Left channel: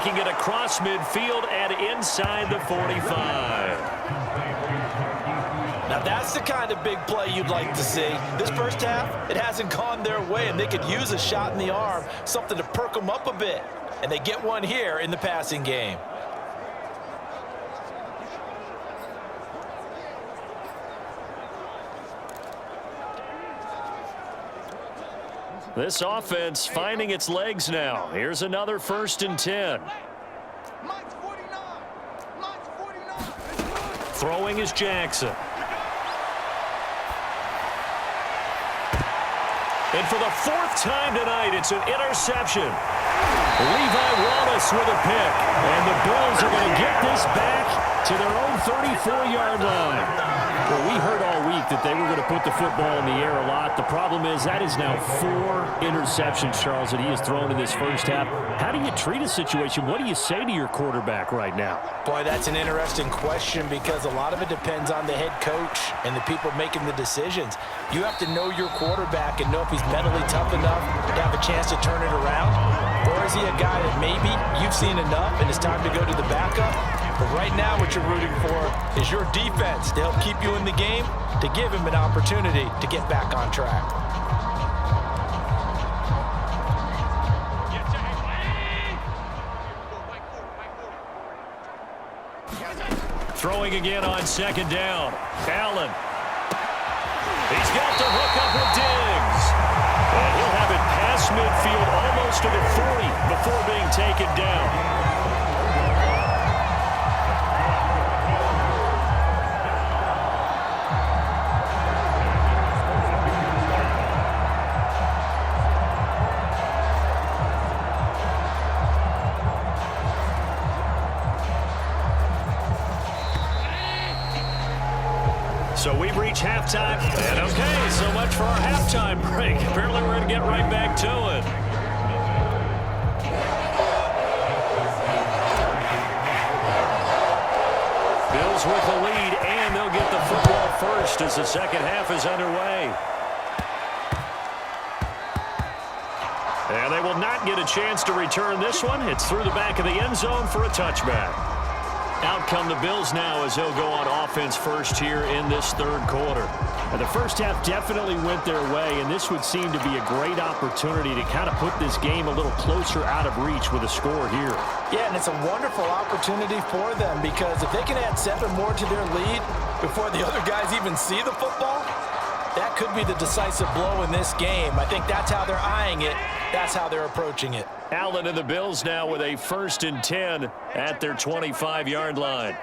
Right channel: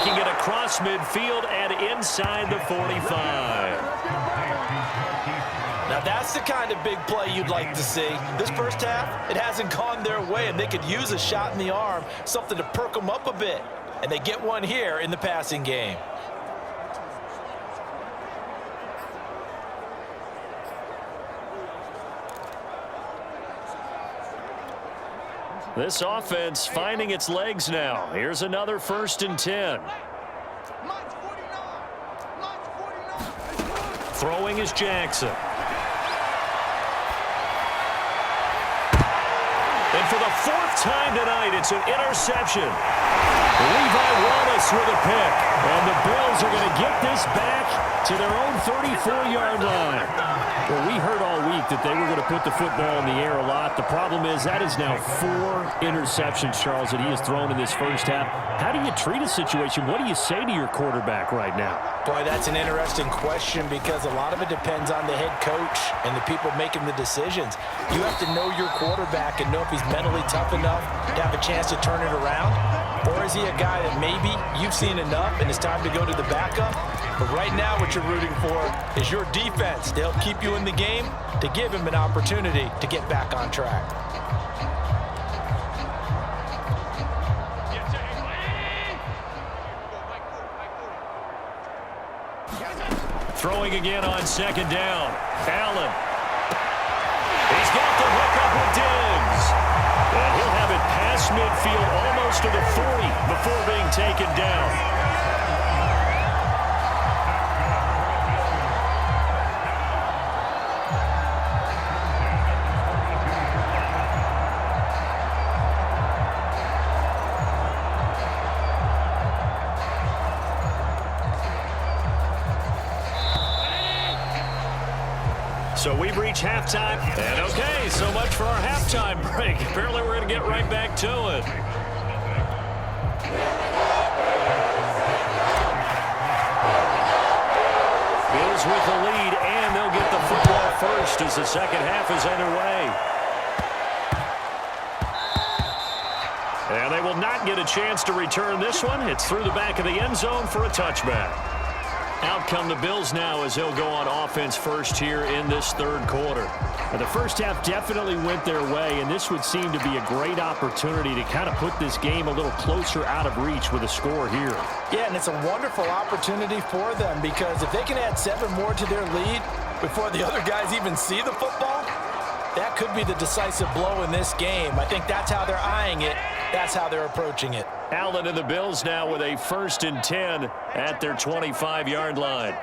Taking it across midfield and inside the 45. Now that's the kind of big play you'd like to see. This first half, it hasn't gone their way, and they could use a shot in the arm, something to perk them up a bit. And they get one here in the passing game. This offense finding its legs now. Here's another 1st and 10. Throwing is Jackson. And for the 4th time tonight, it's an interception. Levi Wallace with a pick. And the Bills are going to get this back to their own 34-yard line. Well, we heard all week that they were going to put the football in the air a lot. The problem is that is now 4 interceptions, Charles, that he has thrown in this first half. How do you treat a situation? What do you say to your quarterback right now? Boy, that's an interesting question because a lot of it depends on the head coach and the people making the decisions. You have to know your quarterback and know if he's mentally tough enough to have a chance to turn it around. Or is he a guy that maybe you've seen enough and it's time to go to the backup? But right now what you're rooting for is your defense to help keep you in the game, to give him an opportunity to get back on track. Throwing again on 2nd down. Allen. He's got the hook up with Diggs. And he'll have it past midfield almost to the 40 before being taken down. So we've reached halftime. And okay, so much for our halftime break. Apparently we're going to get right back to it. Bills with the lead, and they'll get the football first as the second half is underway. And they will not get a chance to return this one. It's through the back of the end zone for a touchback. Out come the Bills now as they'll go on offense first here in this 3rd quarter. Now, the first half definitely went their way, and this would seem to be a great opportunity to kind of put this game a little closer out of reach with a score here. Yeah, and it's a wonderful opportunity for them because if they can add 7 more to their lead before the other guys even see the football, that could be the decisive blow in this game. I think that's how they're eyeing it. That's how they're approaching it. Allen and the Bills now with a 1st and 10 at their 25-yard line.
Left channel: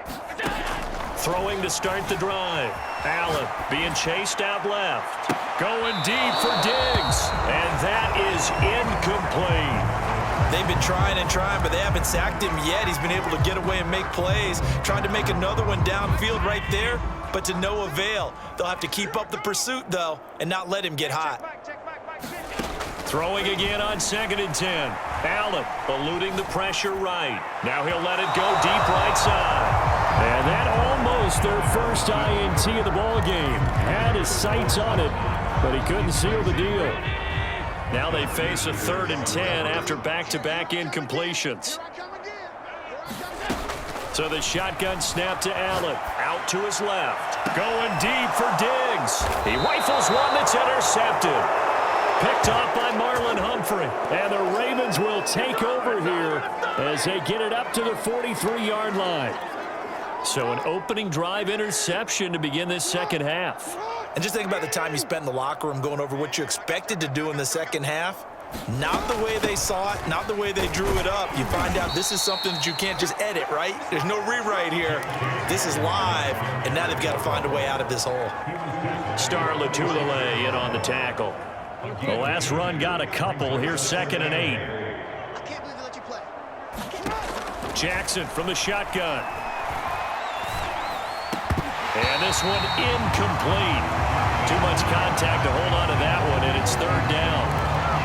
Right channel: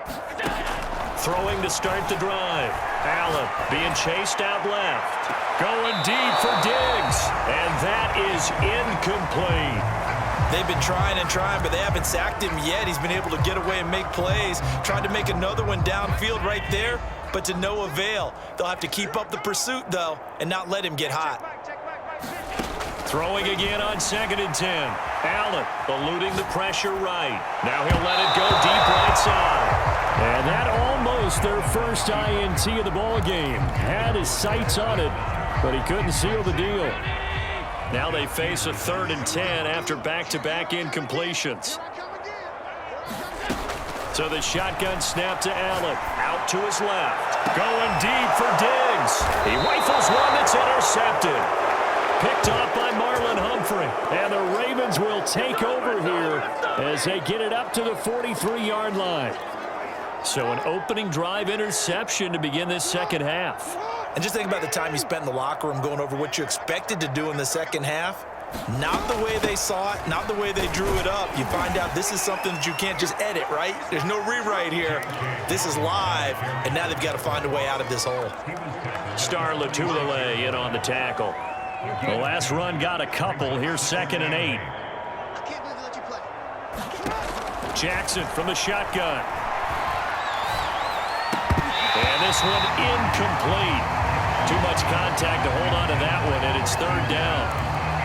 Throwing to start the drive. Allen being chased out left. Going deep for Diggs. And that is incomplete. They've been trying and trying, but they haven't sacked him yet. He's been able to get away and make plays. Tried to make another one downfield right there, but to no avail. They'll have to keep up the pursuit, though, and not let him get hot. Throwing again on 2nd and 10. Allen eluding the pressure right. Now he'll let it go deep right side. And that almost their first INT of the ball game. Had his sights on it, but he couldn't seal the deal. Now they face a 3rd and 10 after back-to-back incompletions. So the shotgun snap to Allen. Out to his left. Going deep for Diggs. He rifles one that's intercepted. Picked off by Marlon Humphrey. And the Ravens will take over here as they get it up to the 43-yard line. So an opening drive interception to begin this second half. And just think about the time you spent in the locker room going over what you expected to do in the second half. Not the way they saw it, not the way they drew it up. You find out this is something that you can't just edit, right? There's no rewrite here. This is live, and now they've got to find a way out of this hole. Star Lotulelei in on the tackle. The last run got a couple. Here's 2nd and 8. I can't believe they let you play. Jackson from the shotgun. And this one incomplete. Too much contact to hold on to that one, and it's 3rd down.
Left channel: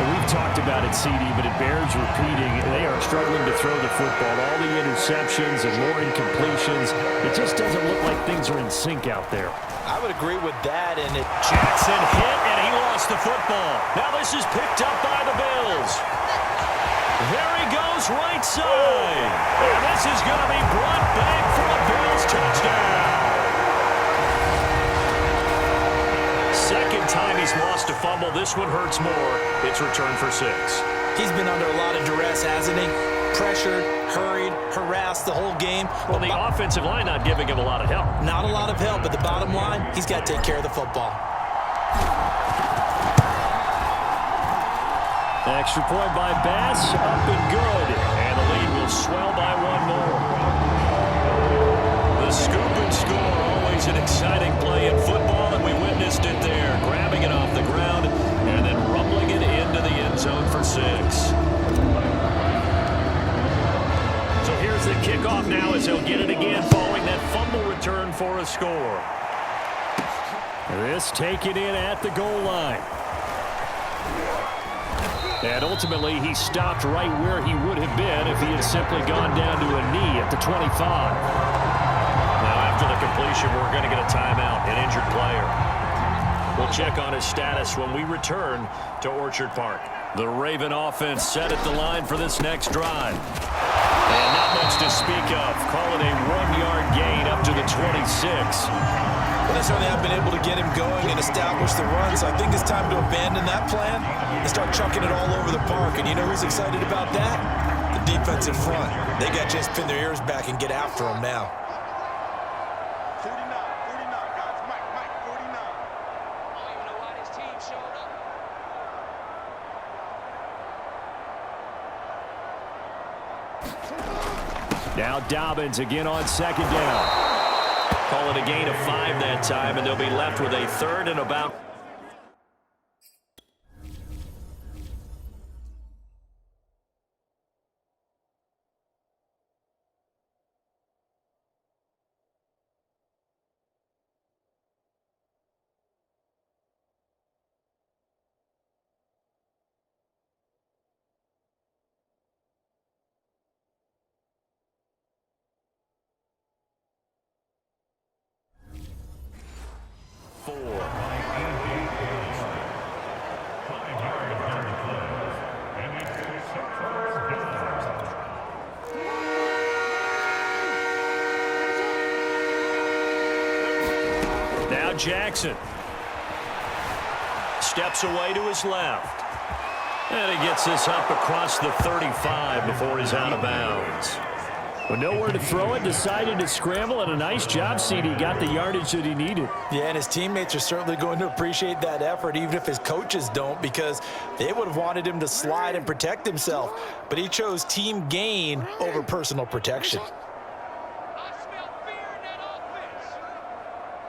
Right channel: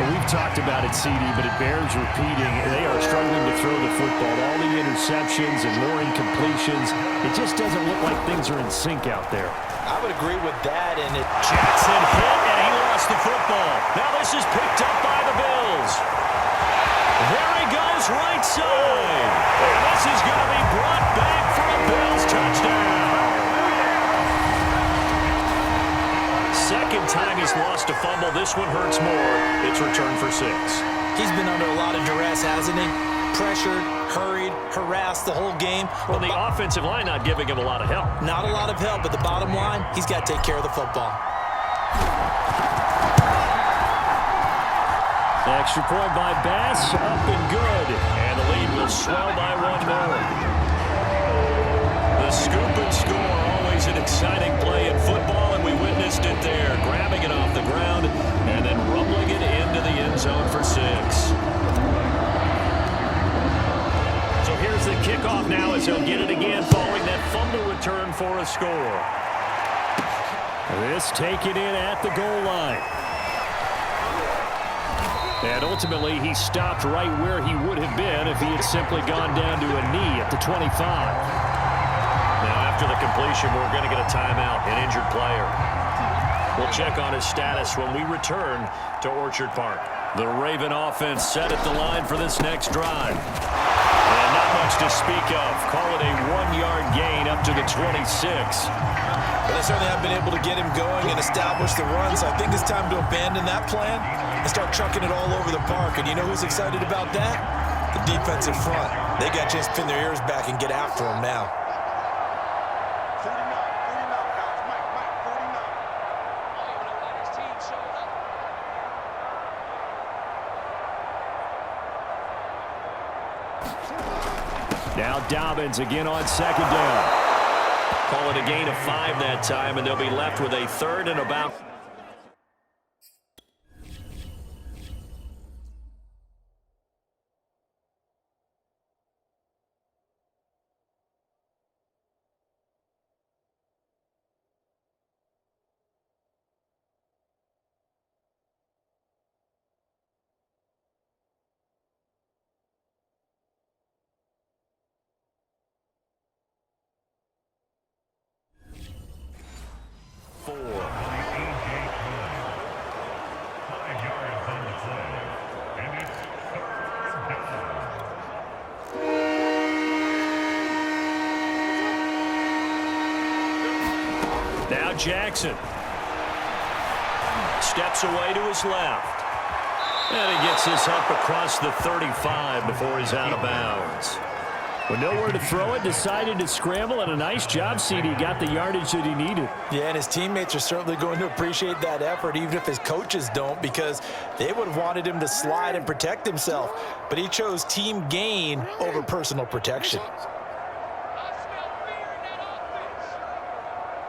Well, we've talked about it, CD, but it bears repeating. They are struggling to throw the football. All the interceptions and more incompletions. It just doesn't look like things are in sync out there. I would agree with that, and Jackson hit, and he lost the football. Now this is picked up by the Bills. There he goes right side. And this is going to be brought back for a Bills touchdown. Second time he's lost a fumble. This one hurts more. It's returned for 6. He's been under a lot of duress, hasn't he? Pressured, hurried, harassed the whole game. Well, the offensive line not giving him a lot of help. Not a lot of help, but the bottom line, he's got to take care of the football. Extra point by Bass, up and good. And the lead will swell by 1 more. The scoop and score, always an exciting play in football, and we witnessed it there. Grabbing it off the ground and then rumbling it into the end zone for 6. So here's the kickoff now as he'll get it again following that fumble return for a score. This taken in at the goal line. And ultimately, he stopped right where he would have been if he had simply gone down to a knee at the 25. Now, after the completion, we're going to get a timeout, an injured player. We'll check on his status when we return to Orchard Park. The Raven offense set at the line for this next drive. And not much to speak of. Call it a 1-yard gain up to the 26. But they certainly have been able to get him going and establish the run, so I think it's time to abandon that plan and start chucking it all over the park. And you know who's excited about that? The defensive front. They got a chance to pin their ears back and get after him now. 49, guys. Mike, 49. I don't even know why this team showed up. Now Dobbins again on second down. Call it a gain of 5 that time, and they'll be left with a 3rd and about. Now Jackson steps away to his left. And he gets this up across the 35 before he's out of bounds. With nowhere to throw it, decided to scramble, and a nice job, CD. Got the yardage that he needed. Yeah, and his teammates are certainly going to appreciate that effort, even if his coaches don't, because they would have wanted him to slide and protect himself. But he chose team gain over personal protection. I smell fear in that offense.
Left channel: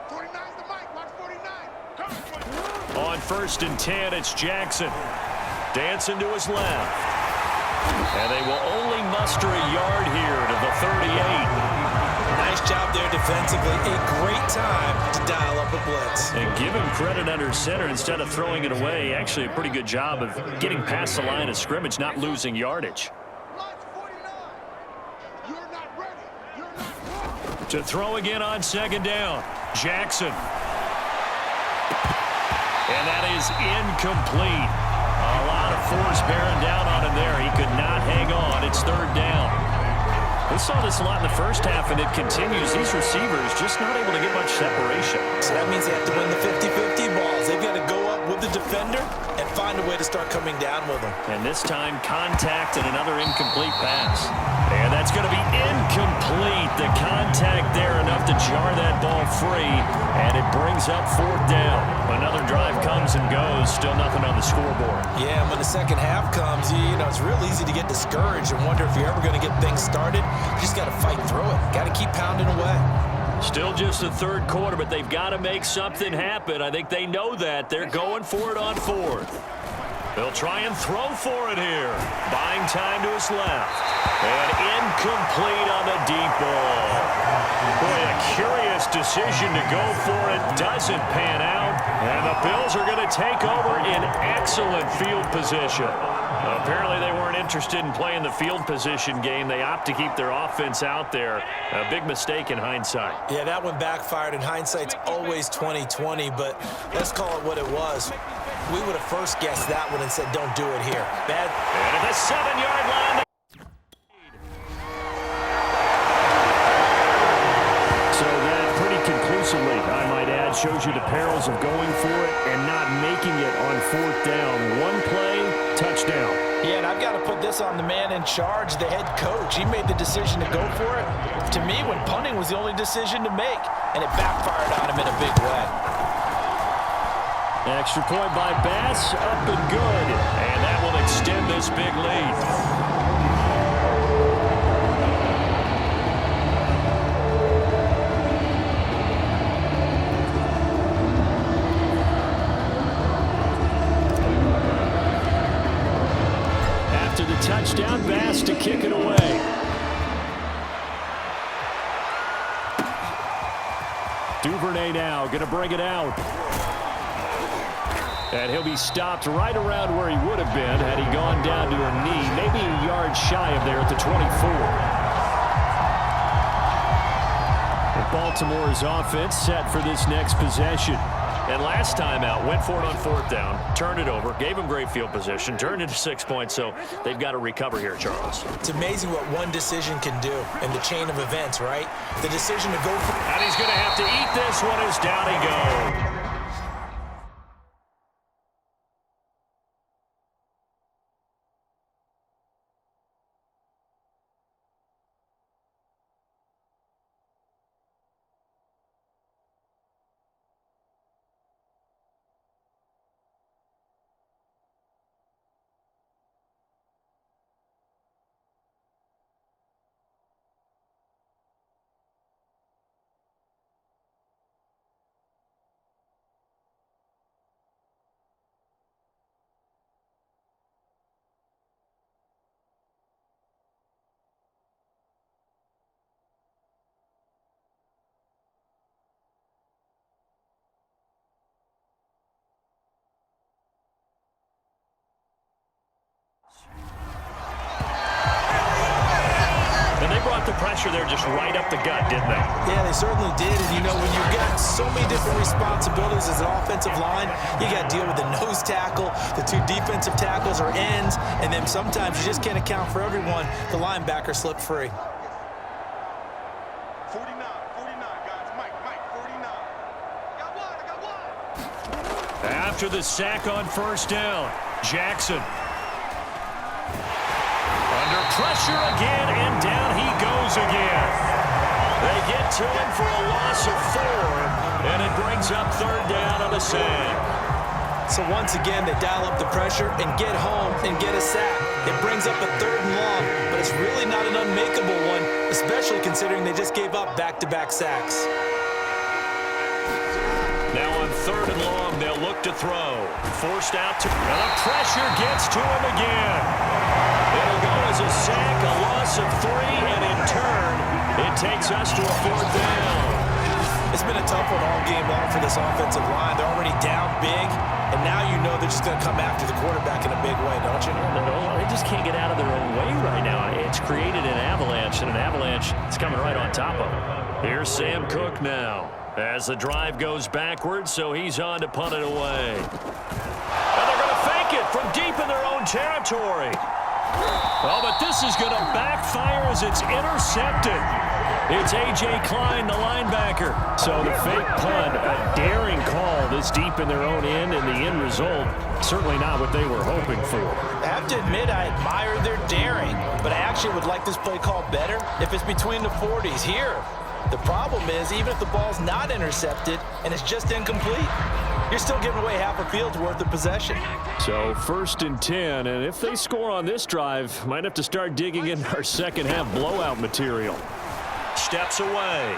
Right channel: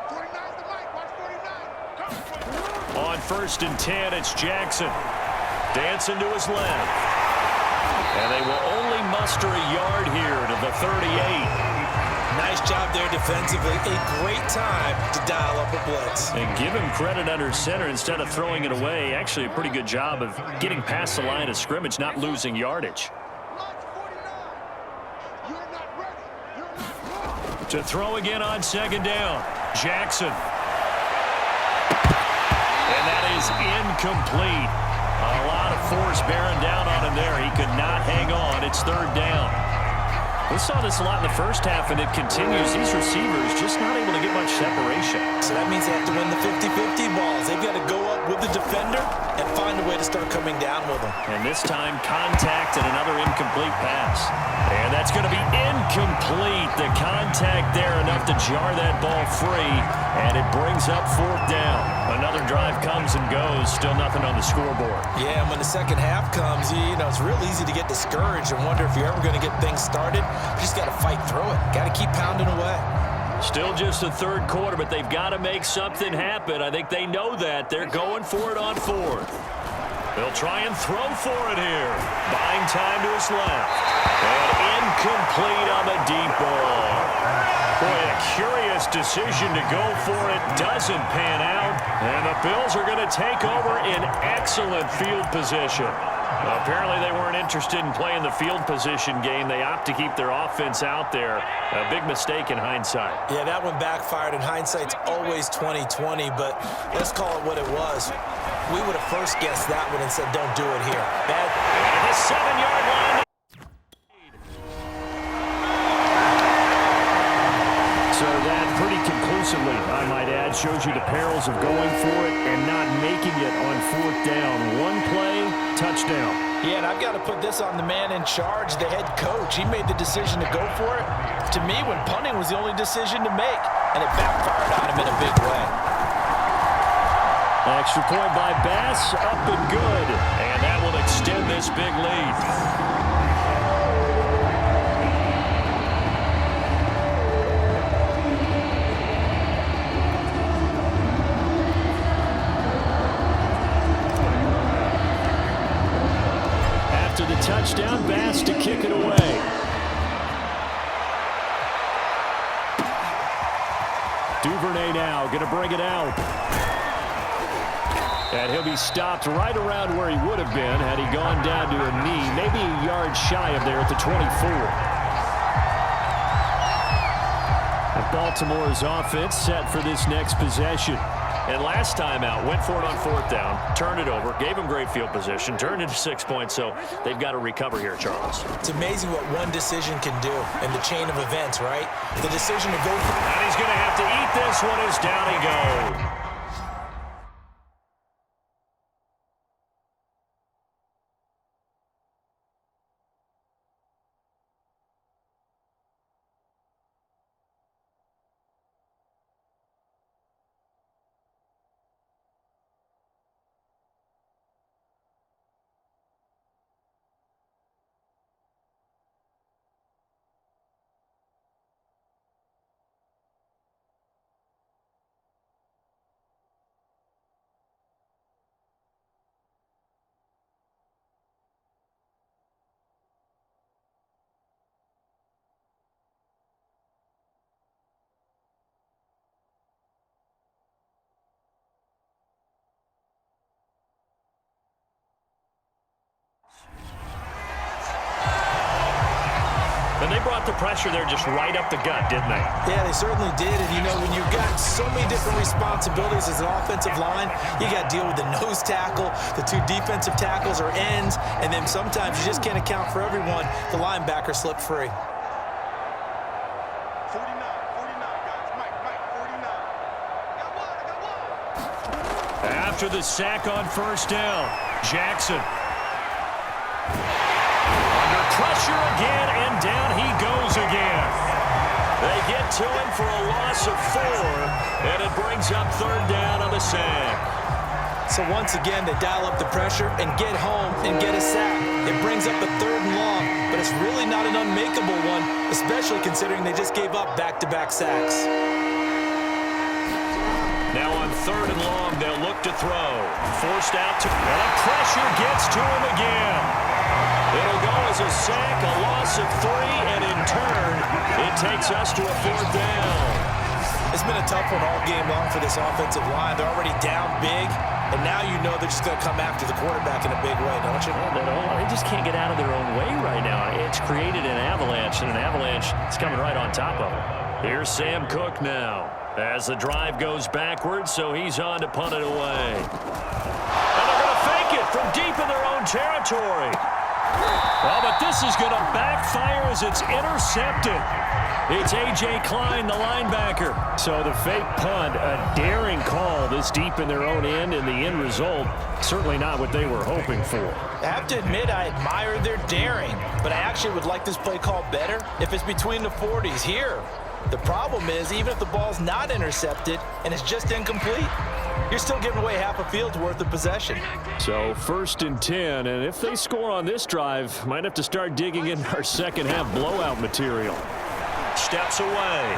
49's the mic. Watch 49. Come On 1st and 10, it's Jackson. Dancing to his left. And they will only muster a yard here to the 38. Nice job there defensively. A great time to dial up a blitz. And give him credit under center instead of throwing it away. Actually, a pretty good job of getting past the line of scrimmage, not losing yardage. Watch 49. You're not ready. You're not ready. To throw again on second down. Jackson. And that is incomplete. A lot of force bearing down on him there. He could not hang on. It's 3rd down. We saw this a lot in the first half, and it continues. These receivers just not able to get much separation. So that means they have to win the 50-50 balls. They've got to go up with the defender and find a way to start coming down with them. And this time, contact and another incomplete pass. And that's going to be incomplete. The contact there enough to jar that ball free, and it brings up 4th down. Another drive comes and goes. Still nothing on the scoreboard. Yeah, and when the second half comes, you know, it's real easy to get discouraged and wonder if you're ever going to get things started. You just got to fight through it. Got to keep pounding away. Still just the 3rd quarter, but they've got to make something happen. I think they know that. They're going for it on 4th. They'll try and throw for it here. Buying time to his left. And incomplete on the deep ball. Boy, a curious decision to go for it. Doesn't pan out. And the Bills are going to take over in excellent field position. Apparently they weren't interested in playing the field position game. They opt to keep their offense out there. A big mistake in hindsight. Yeah, that one backfired, and hindsight's always 20/20, but let's call it what it was. We would have first guessed that one and said, don't do it here. Bad. And at the 7-yard line. So that pretty conclusively, I might add, shows you the perils of going for it and not making it on 4th down. One play, touchdown. Yeah, and I've got to put this on the man in charge, the head coach. He made the decision to go for it. To me, when punting was the only decision to make, and it backfired on him in a big way. Extra point by Bass, up and good. And that will extend this big lead. After the touchdown, Bass to kick it away. Duvernay now going to bring it out. And he'll be stopped right around where he would have been had he gone down to a knee, maybe a yard shy of there at the 24. And Baltimore's offense set for this next possession. And last time out, went for it on 4th down, turned it over, gave him great field position, turned into 6 points, so they've got to recover here, Charles. It's amazing what one decision can do in the chain of events, right? The decision to go for it. And he's going to have to eat this one as down he goes. And they brought the pressure there just right up the gut, didn't they? Yeah, they certainly did. And, you know, when you've got so many different responsibilities as an offensive line, you got to deal with the nose tackle, the 2 defensive tackles or ends, and then sometimes you just can't account for everyone. The linebacker slipped free. 49, guys. Mike, 49. I got one. After the sack on 1st down, Jackson. Under pressure again, and down he goes again. They get to him for a loss of 4, and it brings up 3rd down on the sack. So once again, they dial up the pressure and get home and get a sack. It brings up a 3rd and long, but it's really not an unmakeable one, especially considering they just gave up back-to-back sacks. Now on 3rd and long, they'll look to throw. Forced out to, and the pressure gets to him again. It'll go as a sack, a loss of 3, and in turn, it takes us to a 4th down. It's been a tough one all game long for this offensive line. They're already down big, and now you know they're just going to come after the quarterback in a big way, don't you? Yeah, they just can't get out of their own way right now. It's created an avalanche, and an avalanche is coming right on top of them. Here's Sam Cook now as the drive goes backwards, so he's on to punt it away. And they're going to fake it from deep in their own territory. Oh, but this is going to backfire as it's intercepted. It's A.J. Klein, the linebacker. So the fake punt, a daring call this deep in their own end, and the end result, certainly not what they were hoping for. I have to admit I admire their daring, but I actually would like this play called better if it's between the 40s here. The problem is, even if the ball's not intercepted and it's just incomplete, you're still giving away half a field's worth of possession. So 1st and 10, and if they score on this drive, might have to start digging in our second half blowout material. Steps away.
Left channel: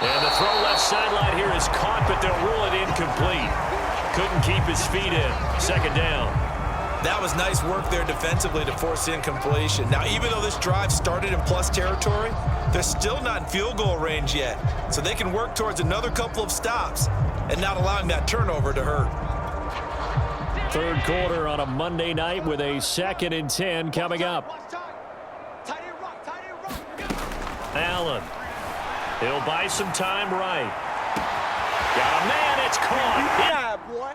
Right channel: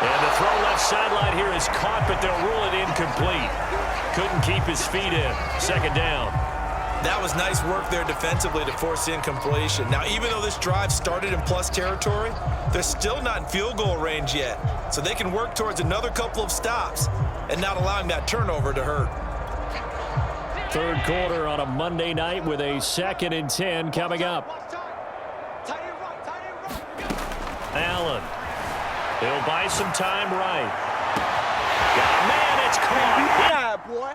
And the throw left sideline here is caught, but they'll rule it incomplete. Couldn't keep his feet in. 2nd down. That was nice work there defensively to force the incompletion. Now, even though this drive started in plus territory, they're still not in field goal range yet. So they can work towards another couple of stops and not allowing that turnover to hurt. 3rd quarter on a Monday night with a 2nd and 10 coming up. Allen. He'll buy some time right. Got a man, it's caught. Yeah, boy.